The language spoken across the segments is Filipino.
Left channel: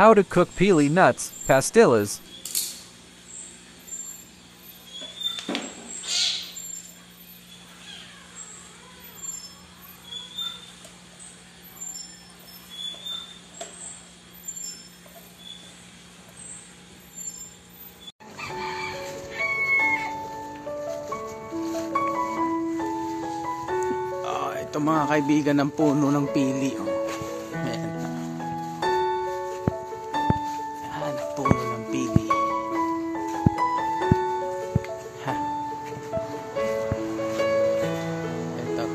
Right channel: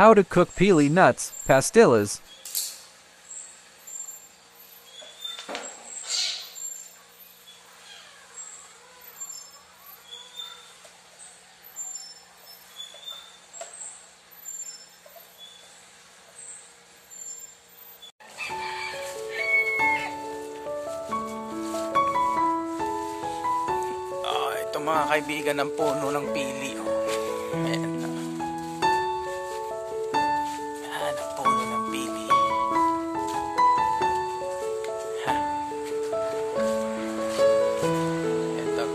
How to cook pili nuts pastillas. Ito mga kaibigan ng puno ng pili. Ayan. Ayan ang puno ng pili. Ha. Ito.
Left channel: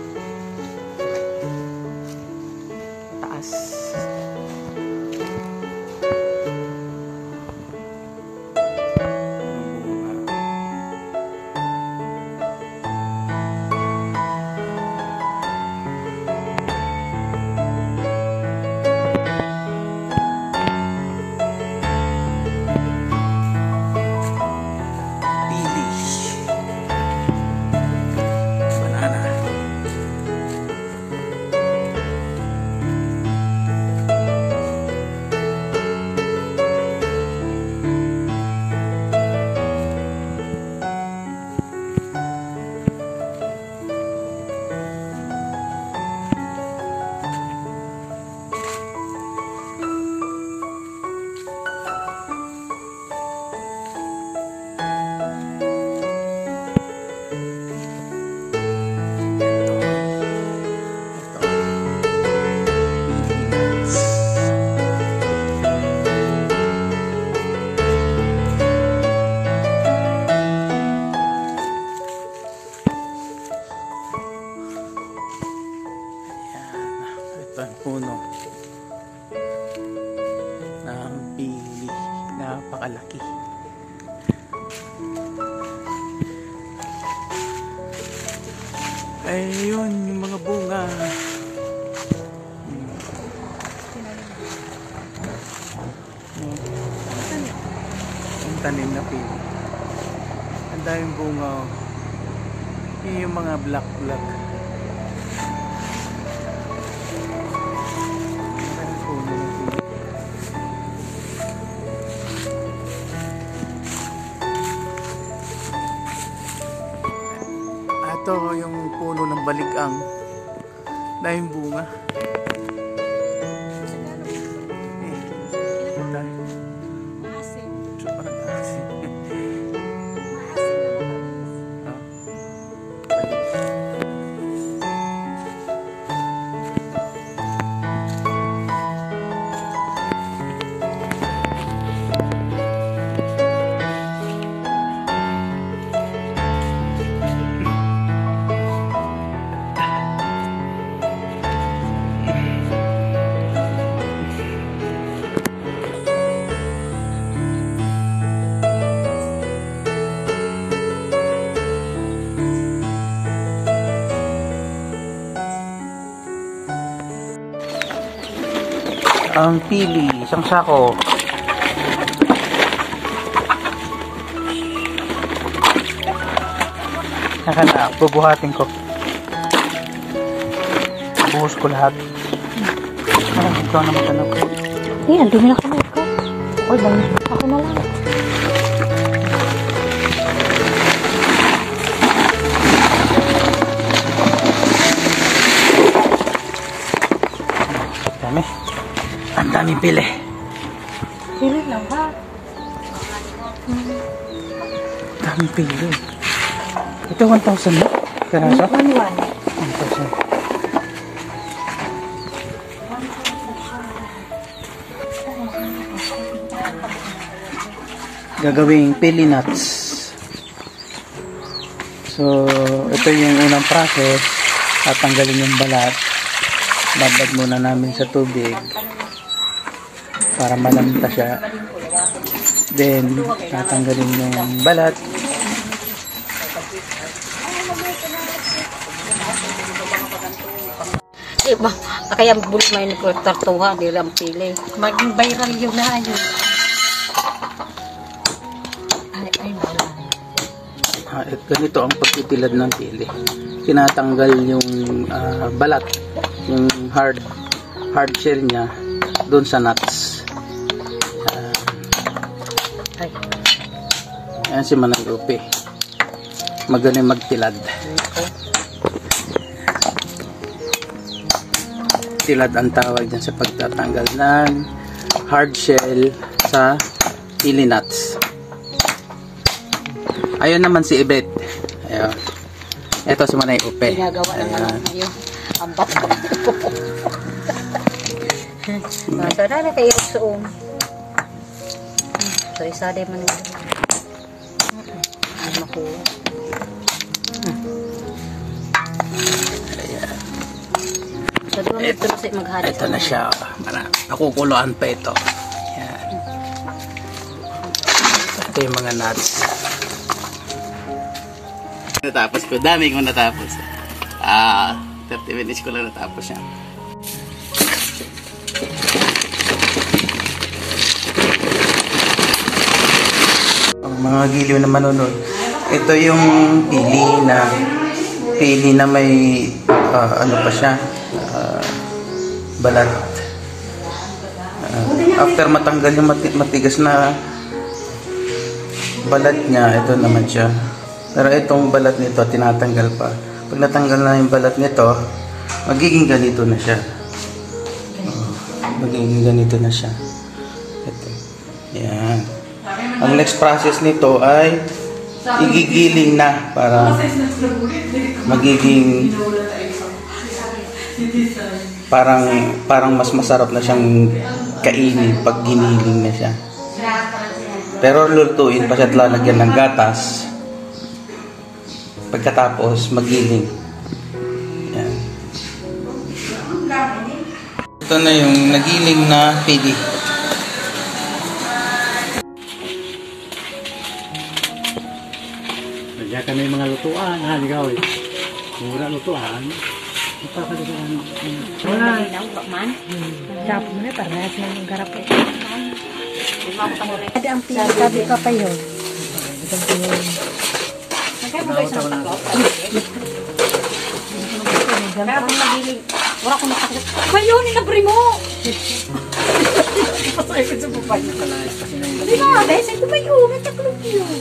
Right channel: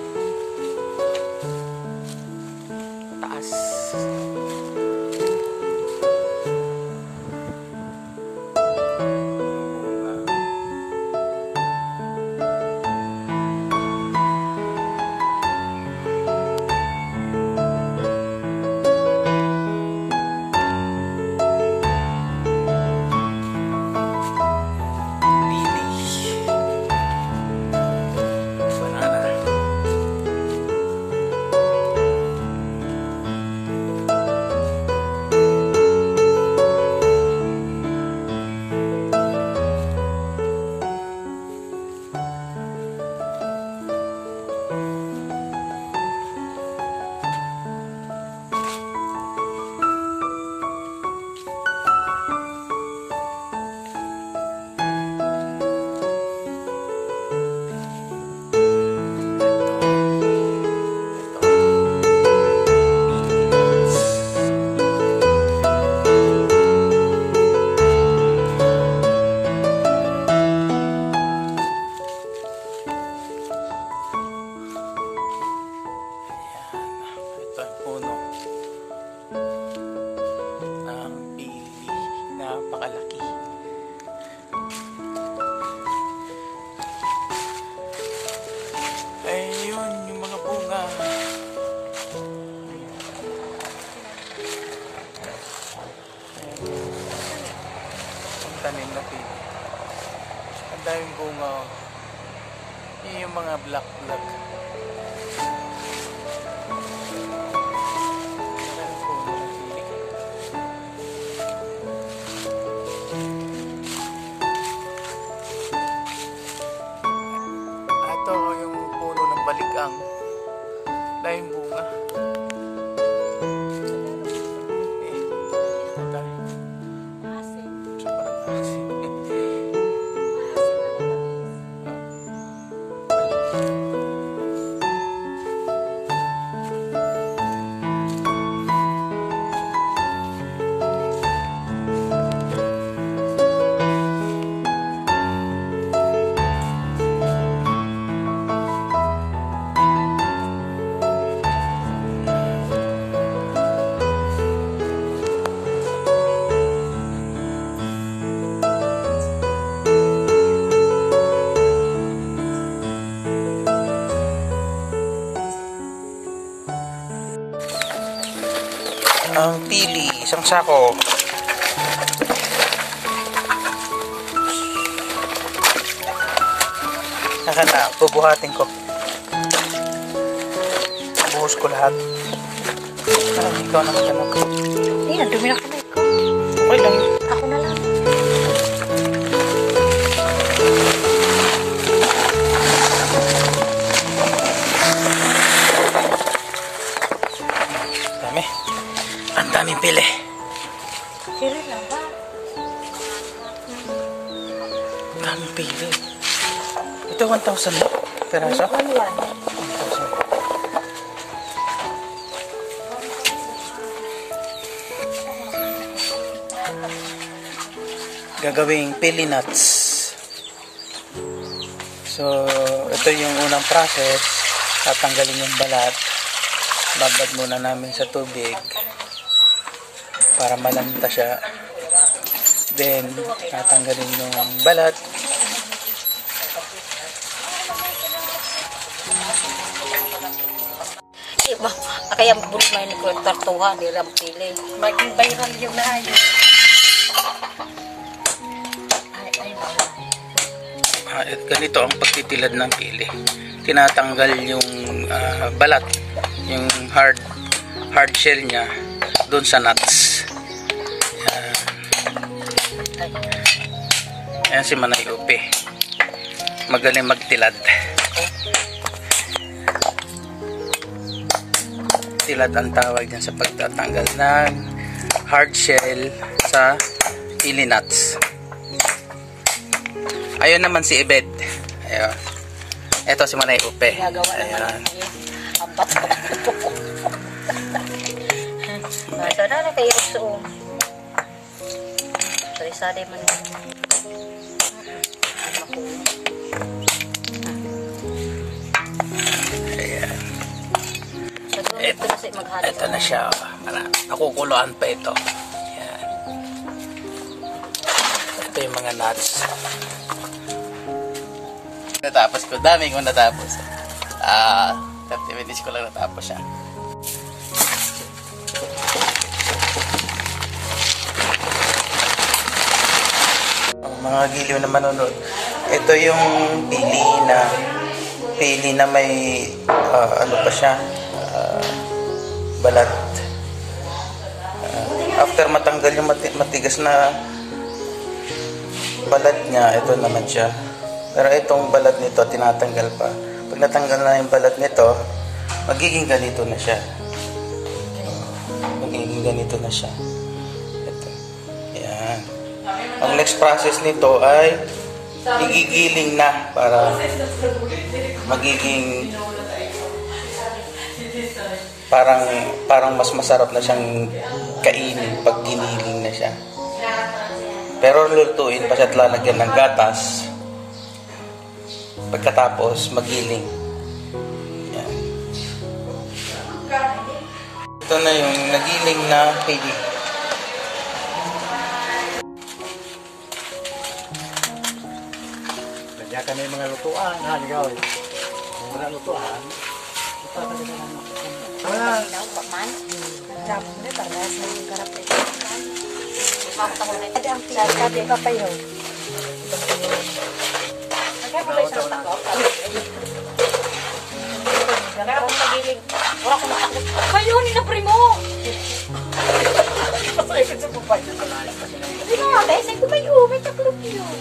Mataas. Puno ng pili, napakalaki. Ayun yung mga bunga. Ang tanim na pili, ang daming bunga. Yun yung mga black. Ito yung puno ng baligang, dahil bunga. Maasim. Sobrang asim. Ang pili, isang sako. Nakana, bubuhatin ko. Buhos ko lahat. Ikaw na magtanong. Ayan, dumi na kamay ko. Okay lang. Ako na lang. Dami. Ang daming pili. Pili lang ba? Daming pili. Ito 1,000 na? Peraso? 1,000. 1,000. Gagawing pili nuts. So, ito yung unang process. Tatanggalin yung balat. Babad muna namin sa tubig para malanta siya. Then, tatanggalin yung balat. Iba, kaya bulit may nagtartuha, di ram pili. Maging viral yun na yun. Ganito ang pagtitilad ng pili. Tinatanggal yung balat, yung hard shell niya doon sa nuts. Ayan si Manay Upi. Magaling magtilad. Tilad ang tawag dyan sa pagtatanggal ng hard shell sa pili nuts. Ayun naman si Ibet. Ayun. Ito si Manay Upi. Ginagawa naman ngayon. Ang bato. Sadara kayo suom. Sari-sari man yun. Makuha. Ayan. Sa doon ito na maghari. Ito na siya. Nakukuluan pa ito. Ayan. Ito yung mga nuts. Natapos ko. Dami kong natapos. 30 minutes ko lang natapos siya. Mga giliw na manonood. Ito yung pili na may ano pa siya, balat. After matanggal yung matigas na balat niya, ito naman siya. Pero itong balat nito tinatanggal pa. Pag natanggal na yung balat nito, magiging ganito na siya. Magiging ganito na siya. Ito. Yan. Ang next process nito ay igigiling na para magiging parang mas masarap na siyang kainin pag giniling na siya. Pero lulutuin pa siya at lalagyan ng gatas pagkatapos magiling. Yan. Ito na yung nagiling na pili. Nagya ka na yung mga lutuan, ha, ligaw eh. Kung wala lutuan, ipapalitan ng... Wala. Man? Dapat mo na para sa yung garap ito. Ada ang tabi pa pa yun. Mayroon na primo! Hindi nga, dahil sa'yo kumayo, may taklog yun.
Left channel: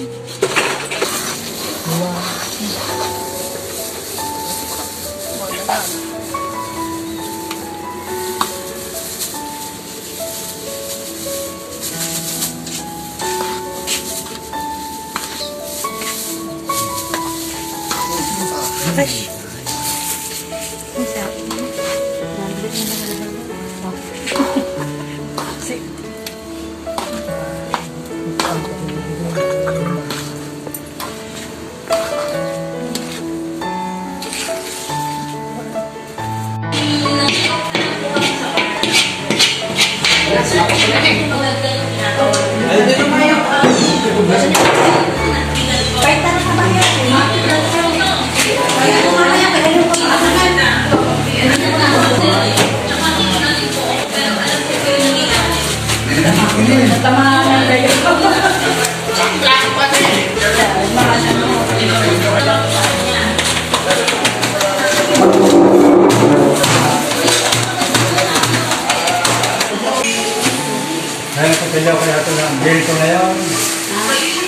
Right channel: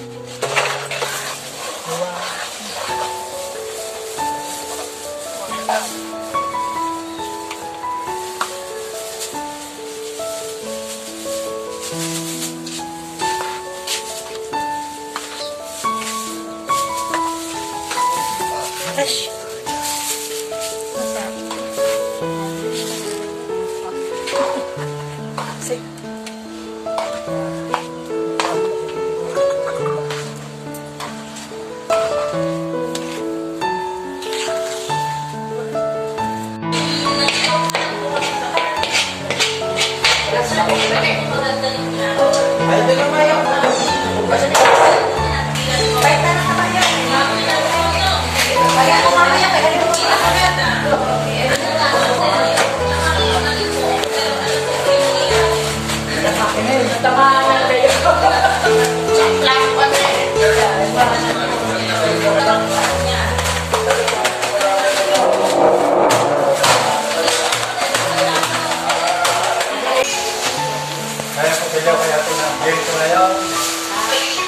Kaya ito na, girl ko na yun.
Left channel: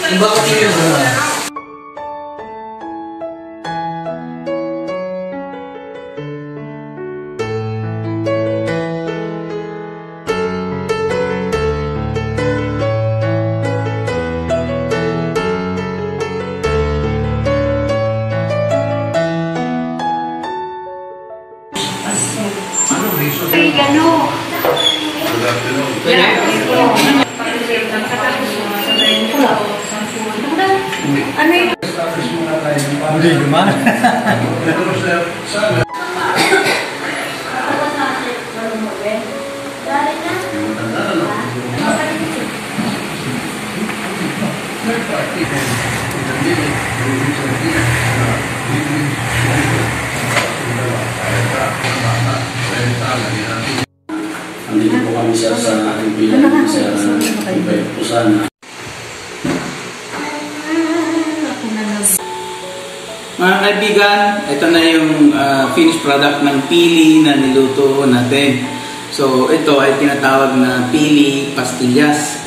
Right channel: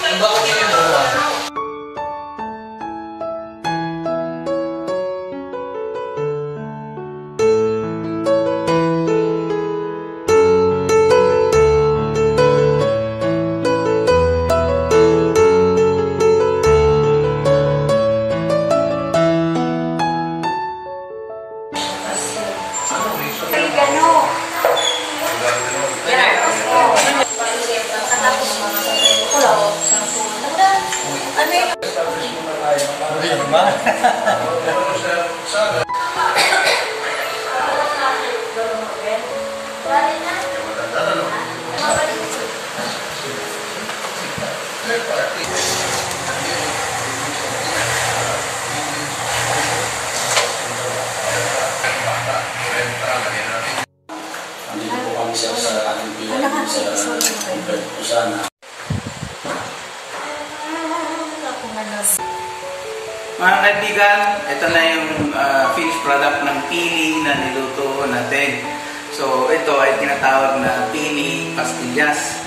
Ang baka yun na. Nandito po kami sa Pusana. Mga kaibigan, ito na yung finished product ng pili na niluto natin. So ito ay tinatawag na pili pastillas.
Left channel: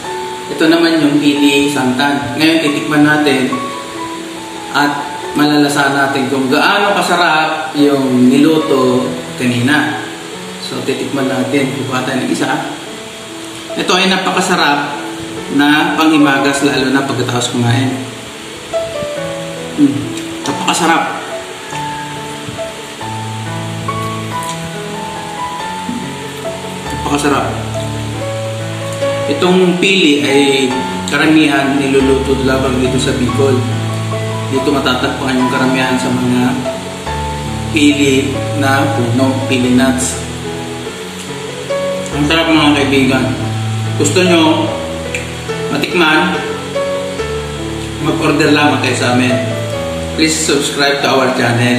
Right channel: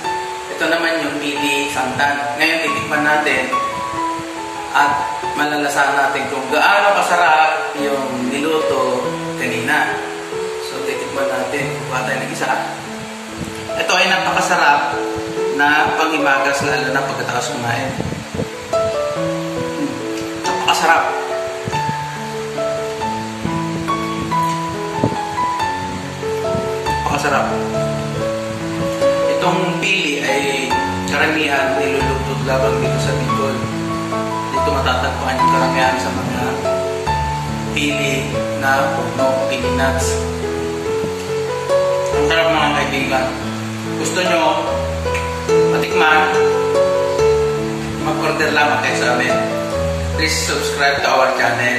Ito naman yung pili santan. Ngayon titikman natin at malalasahan natin kung gaano kasarap yung niluto kanina. So titikman natin. Kukuha tayo ng isa. Ito ay napakasarap na panghimagas lalo na pagkatapos kumain. Napakasarap. Napakasarap. Itong pili ay karamihan niluluto labang dito sa Bicol. Dito matatagpuan yung karamihan sa mga pili na puno, pili nuts. Ang sarap mga kaibigan. Gusto nyo matikman, mag-order lamang kayo sa amin. Please subscribe to our channel.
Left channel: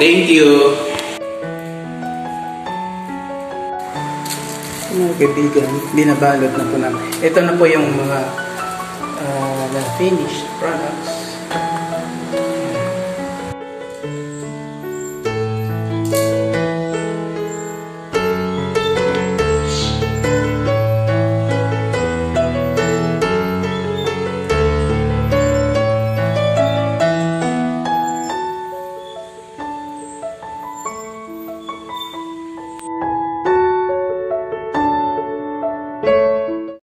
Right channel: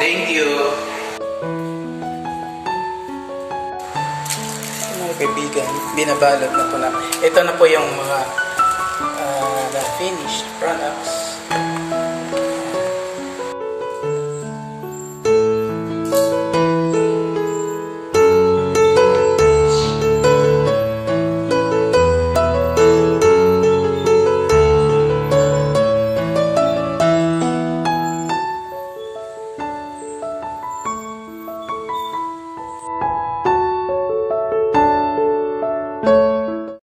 Thank you! Mga kaibigan, binabalot na po na. Ito na po yung mga finished products.